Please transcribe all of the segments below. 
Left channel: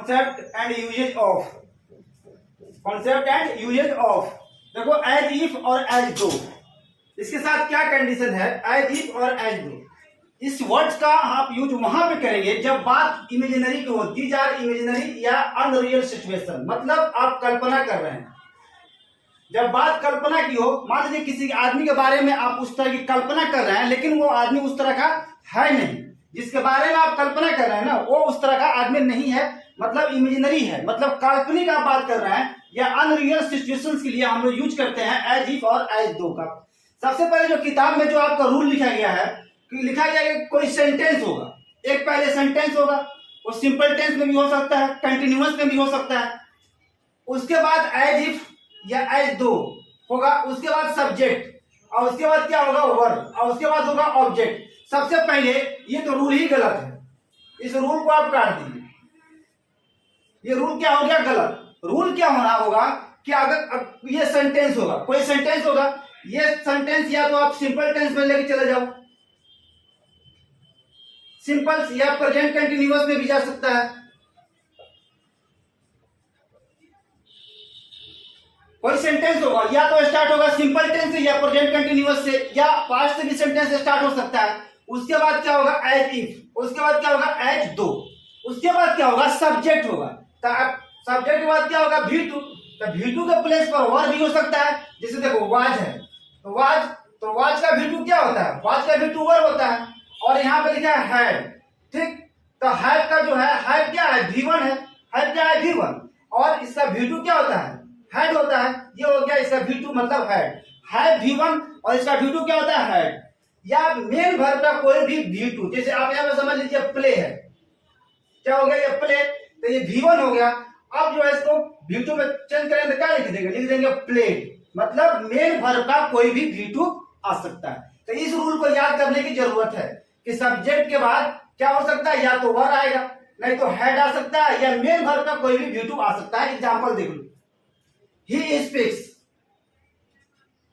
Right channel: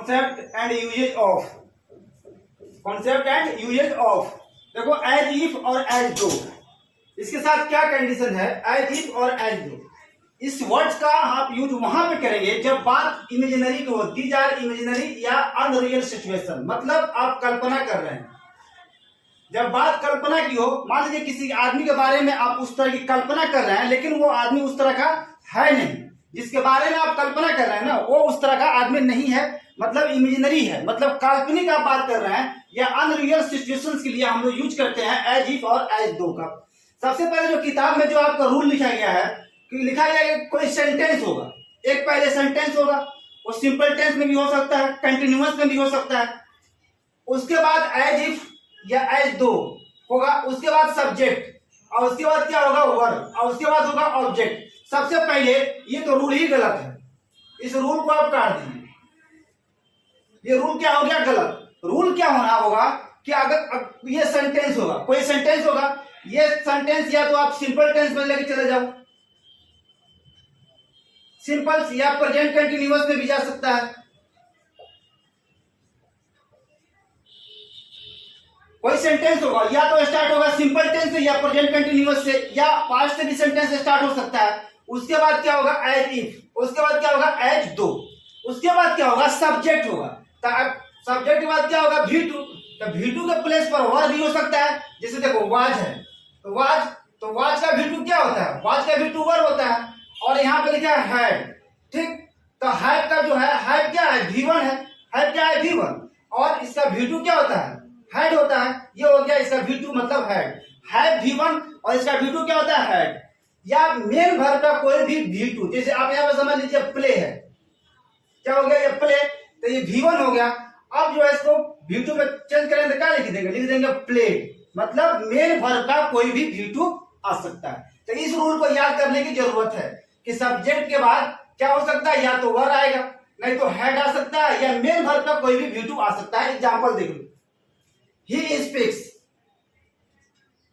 Concept and usages of, concept and usages of. देखो as if और as though, इसके साथ क्या कंडीशन है, एज इफ और एज दो, इस वर्ड्स का आप यूज वहां पे करेंगे जब बात इमेजिनरी की हो, दीज आर इमेजिनरी या अनरियल सिचुएशन, मतलब आप कल्पना कर रहे हैं। जब बात कल्पना की हो, मान लीजिए किसी आदमी के बारे में आप उस तरह की कल्पना कर रहे हैं, लेकिन वो आदमी उस तरह का है नहीं, जिसके बारे में आप कल्पना कर रहे हैं ना, वो उस तरह का आदमी नहीं है, मतलब इमेजिनरी है, मतलब काल्पनिक आप बात कर रहे हैं, या अनरियल सिचुएशंस के लिए हम लोग यूज करते हैं एज इफ और एज दो का। सबसे पहले जो किताब में जो आपका रूल लिखा गया है, कि लिखा गया है कोई सेंटेंस होगा, एक पहले सेंटेंस होगा, वो सिंपल टेंस में भी हो सकता है, कंटिन्यूअस में भी हो सकता है, उसके बाद एज इफ या एज दो होगा, उसके बाद सब्जेक्ट, और उसके बाद क्या होगा वर्ब, और उसके बाद होगा ऑब्जेक्ट। सबसे पहले ये तो रूल ही गलत है, इस रूल को आप काट दीजिए, ये रूल क्या हो गया गलत। रूल क्या होना होगा कि अगर ये सेंटेंस होगा, कोई सेंटेंस होगा, ये सेंटेंस या तो आप सिंपल टेंस में लेके चले जाओ, सिंपल या प्रेजेंट कंटिन्यूअस में भी जा सकता है। कोई सेंटेंस होगा या तो स्टार्ट होगा सिंपल टेंस से या प्रेजेंट कंटिन्यूअस से, या पास्ट से भी सेंटेंस स्टार्ट हो सकता है। उसके बाद क्या होगा एज इफ, उसके बाद क्या होगा एज दो, उसके बाद क्या होगा सब्जेक्ट होगा, सब्जेक्ट के बाद क्या होगा V2, तो V2 के प्लेस पर वर्ब भी हो सकता है, जैसे देखो वाज है, तो वाज का V2 क्या होता है, वाज का V2 वर्ब होता है, और यहाँ पे लिखा है हैड, ठीक, तो हैड का जो है हैड क्या है V1 है, हैड क्या है V1, और इसका V2 क्या होता है हैड होता है, ये हो गया इसका V2 मतलब हैड V1, और इसका V2 क्या होता है हैड, या मेन वर्ब का कोई भी V2, जैसे आप यहाँ पे समझ लीजिए प्ले है, क्या हो गया ये प्ले, तो ये V1 हो गया। अब जो है इसको V2 में चेंज करेंगे तो क्या लिख देंगे, लिख देंगे प्लेड, मतलब मेन वर्ब का कोई भी V2 आ सकता है। तो इस रूल को याद करने की जरूरत है कि सब्जेक्ट के बाद क्या हो सकता है, या तो वर्ब आएगा, नहीं तो हेड आ सकता है, या मेन वर्ब का कोई भी V2 आ सकता है। एग्जांपल देख लो, ही स्पीक्स।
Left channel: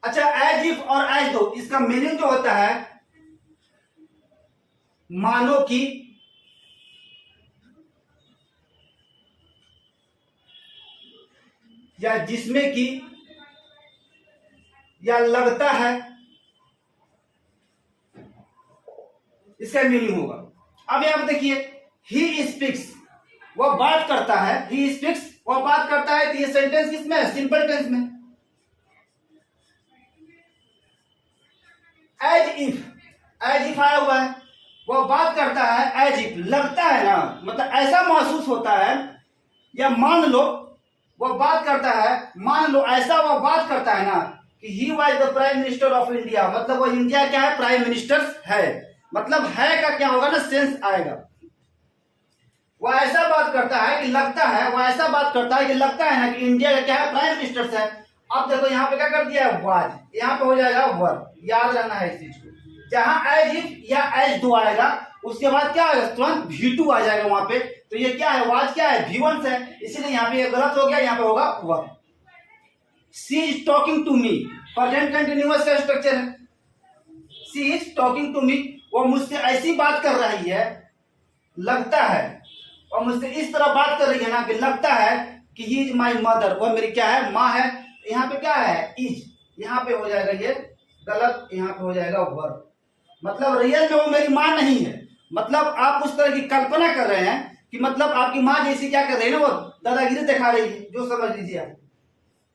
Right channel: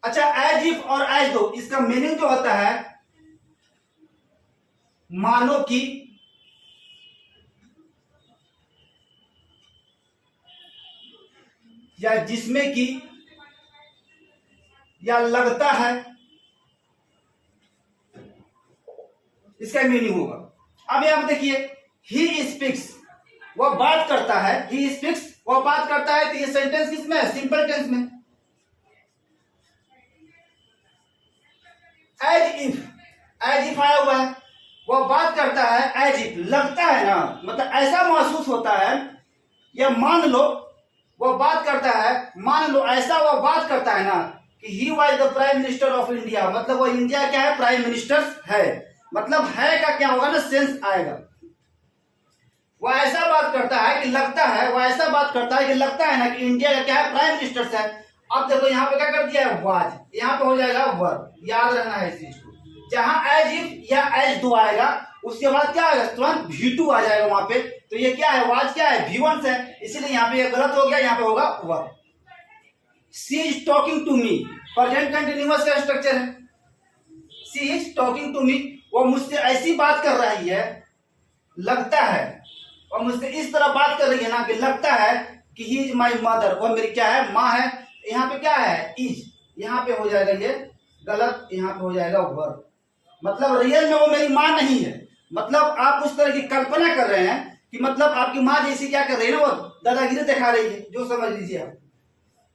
अच्छा एज इफ और एज दो, इसका मीनिंग जो होता है मानो कि, या जिसमें कि, या लगता है, इसका मीनिंग होगा। अब यहां पर देखिए ही स्पीक्स, वह बात करता है, ही स्पीक्स वह बात करता है, तो ये सेंटेंस किसमें है, सिंपल टेंस में। एज इफ आया हुआ है, वह बात करता है, एज इफ लगता है ना, मतलब ऐसा महसूस होता है, या मान लो वह बात करता है, मान लो ऐसा वह बात करता है ना कि he was the prime minister of India, मतलब वह इंडिया क्या है प्राइम मिनिस्टर है, मतलब है का क्या होगा ना सेंस आएगा। वह ऐसा बात करता है कि लगता है, वह ऐसा बात करता है कि लगता है ना कि इंडिया का क्या है प्राइम मिनिस्टर है। अब देखो यहाँ पे क्या कर दिया है वाज, यहाँ पे हो जाएगा वर्ब, याद रहना है इस चीज को। जहां एज इफ या एज दो आएगा, उसके बाद क्या आएगा तुरंत V2 आ जाएगा वहां पे, तो ये क्या है वाज क्या है V1 से, इसीलिए यहाँ पे ये गलत हो गया, यहाँ पे होगा verb. She is talking to me, present continuous का स्ट्रक्चर है, she is talking to me, वो मुझसे ऐसी बात कर रही है, लगता है, और मुझसे इस तरह बात कर रही है ना कि लगता है कि ही इज माई मदर, वो मेरी क्या है माँ है। यहाँ पे क्या है इज, यहाँ पे हो जाएगा ये गलत, यहाँ पे हो जाएगा वर्ब, मतलब रियल में वो मेरी माँ नहीं है, मतलब आप उस तरह की कल्पना कर रहे हैं कि मतलब आपकी माँ जैसी क्या कर रही है ना, वो दादागिरी दिखा रही है, जो समझ लीजिए आप,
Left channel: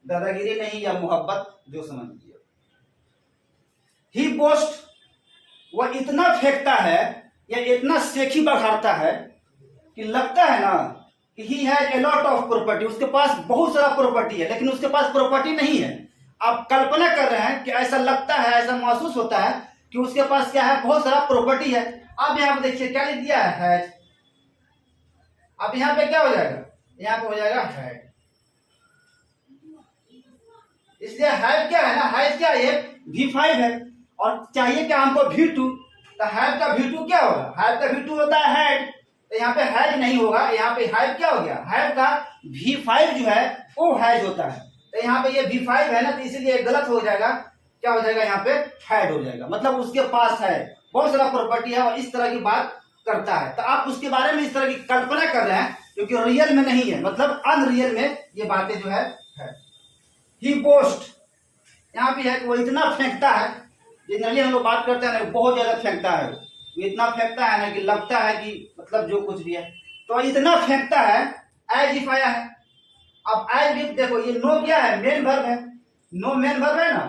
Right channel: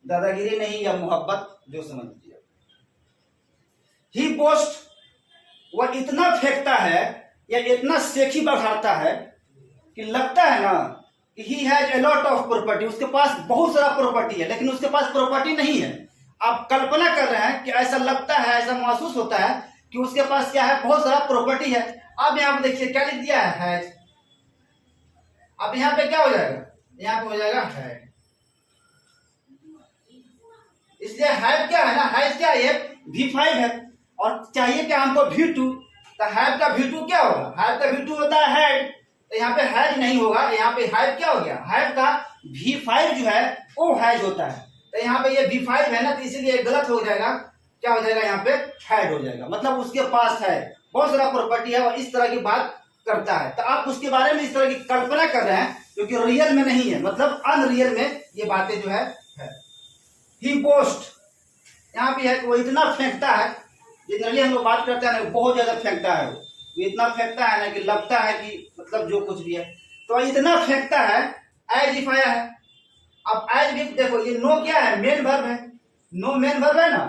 दादागिरी नहीं या मोहब्बत, जो समझ लीजिए। ही बोस्ट, वह इतना फेंकता है या इतना सेखी बखारता है कि लगता है ना कि he has a lot of property, उसके पास बहुत सारा प्रॉपर्टी है, लेकिन उसके पास प्रॉपर्टी नहीं है। आप कल्पना कर रहे हैं कि ऐसा लगता है, ऐसा महसूस होता है कि उसके पास क्या है बहुत सारा प्रॉपर्टी है। अब यहाँ पे देखिए क्या लिख दिया है हैज, अब यहाँ पे क्या हो जाएगा, यहाँ पे हो जाएगा हैड, इसलिए हैड क्या है ना, हैज क्या है V5 है, और चाहिए क्या हमको V2, तो हैड का V2 क्या होगा, हैड का V2 होता है हैड, तो यहाँ पे हैज नहीं होगा, यहाँ पे हैड क्या हो गया, हैड का V5 जो है वो हैज होता है, तो यहाँ पे ये V5 है ना, तो इसीलिए गलत हो जाएगा, क्या हो जाएगा यहाँ पे हैड हो जाएगा, मतलब उसके पास है बहुत सारा प्रॉपर्टी है और इस तरह की बात करता है। तो आप उसके बारे में इस तरह की कल्पना कर रहे हैं क्योंकि रियल में नहीं है, मतलब अनरियल में ये बातें जो है। ही बोस्ट, यहाँ पे है कि वो इतना फेंकता है, जनरली हम लोग बात करते हैं ना, बहुत ज्यादा फेंकता है, वो इतना फेंकता है ना कि लगता है कि मतलब जो कुछ भी है, तो इतना फेंकता है। एज इफ आया है, अब एज इफ देखो, ये नो क्या है, मेन वर्ब है, नो मेन वर्ब है ना,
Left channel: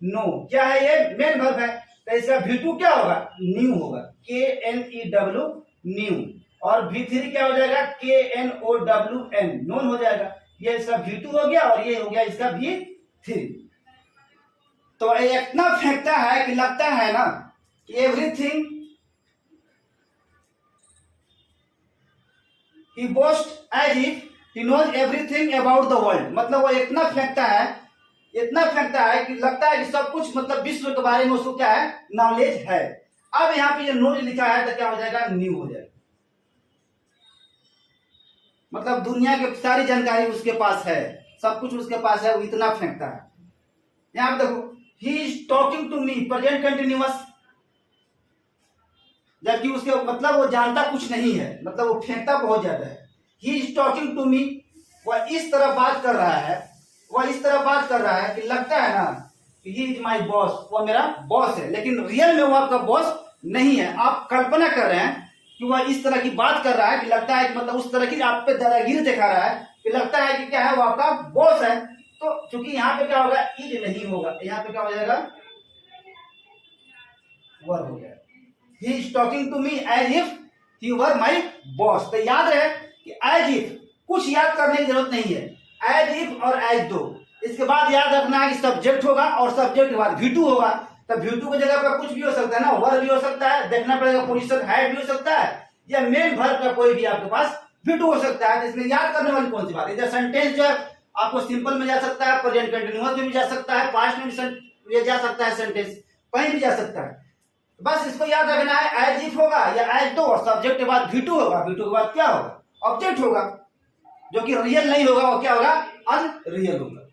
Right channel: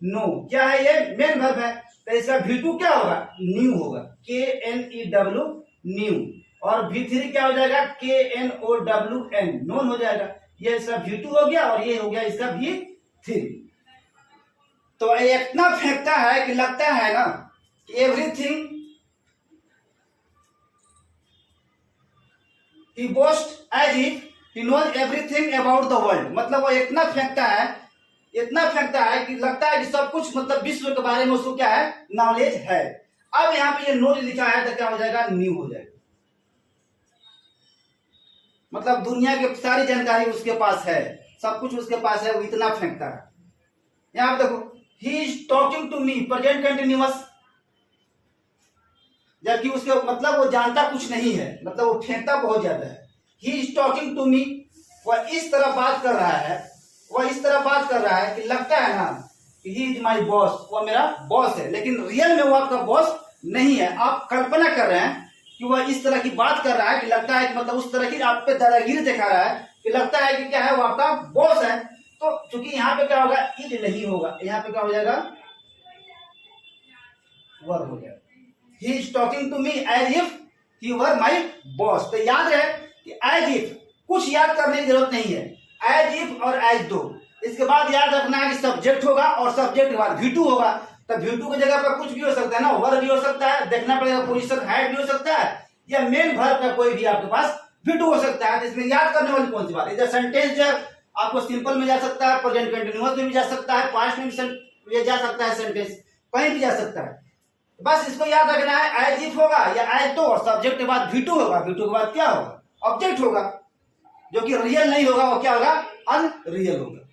नो क्या है, ये मेन वर्ब है, तो इसका V2 क्या होगा, न्यू होगा, KNEW न्यू, और V3 क्या हो जाएगा, KNOWN नोन हो जाएगा। ये इसका V2 हो गया और ये हो गया इसका V3। तो ये इतना फेंकता है कि लगता है ना कि everything, he boasts as if he knows everything about the world, मतलब वो इतना फेंकता है, इतना फेंकता है कि लगता है कि सब कुछ, मतलब विश्व के बारे में उसको क्या है, नॉलेज है। अब यहाँ पे ये नॉलेज लिखा है तो क्या हो जाएगा, न्यू हो जाएगा, मतलब दुनिया की सारी जानकारी उसके पास है, सब कुछ उसके पास है, वो इतना फेंकता है। यहाँ पे देखो, he is talking to me, present continuous, जबकि उसके मतलब वो जानता कुछ नहीं है, मतलब वो फेंकता बहुत ज्यादा है। He is talking to me, वह इस तरह बात कर रहा है, वह इस तरह बात कर रहा है कि लगता है ना कि ही इज माई बॉस, वह मेरा बॉस है, लेकिन रियल में वो आपका बॉस नहीं है। आप कल्पना कर रहे हैं कि वह इस तरह की बात कर रहा है कि लगता है कि मतलब उस तरह की आप पे दादागिरी दिखा रहा है कि लगता है कि क्या है, वो आपका बॉस है। तो चूंकि यहाँ पे क्या होगा, इज नहीं होगा, यहाँ पे क्या हो जाएगा, वर हो जाएगा। He is talking to me as if he were my boss। तो याद रहे कि as if, कुछ याद करने की जरूरत नहीं है, as if और as though, इसके बाद याद रखना है कि सब्जेक्ट होगा और सब्जेक्ट के बाद V2 होगा। तो V2 की जगह पर कुछ भी हो सकता है ना, वर्ब भी हो सकता है, देखना पड़ेगा पोजीशन हैड भी हो सकता है, या मेन वर्ब का कोई भी आपके पास V2 हो सकता है। तो इसमें याद करने वाली कौन सी बात, इधर सेंटेंस जो आपको सिंपल में जा सकता है, प्रेजेंट कंटिन्यूअस में भी जा सकता है, पास्ट में भी जा सकता है, सेंटेंस कहीं भी जा सकता है। बस इसको याद रखना है, एज इफ होगा या एज दो, और सब्जेक्ट के बाद V2 होगा, V2 के बाद क्या होगा, ऑब्जेक्ट होगा, जो कि रियल नहीं होगा, वो क्या होगा, अनरियल होगा।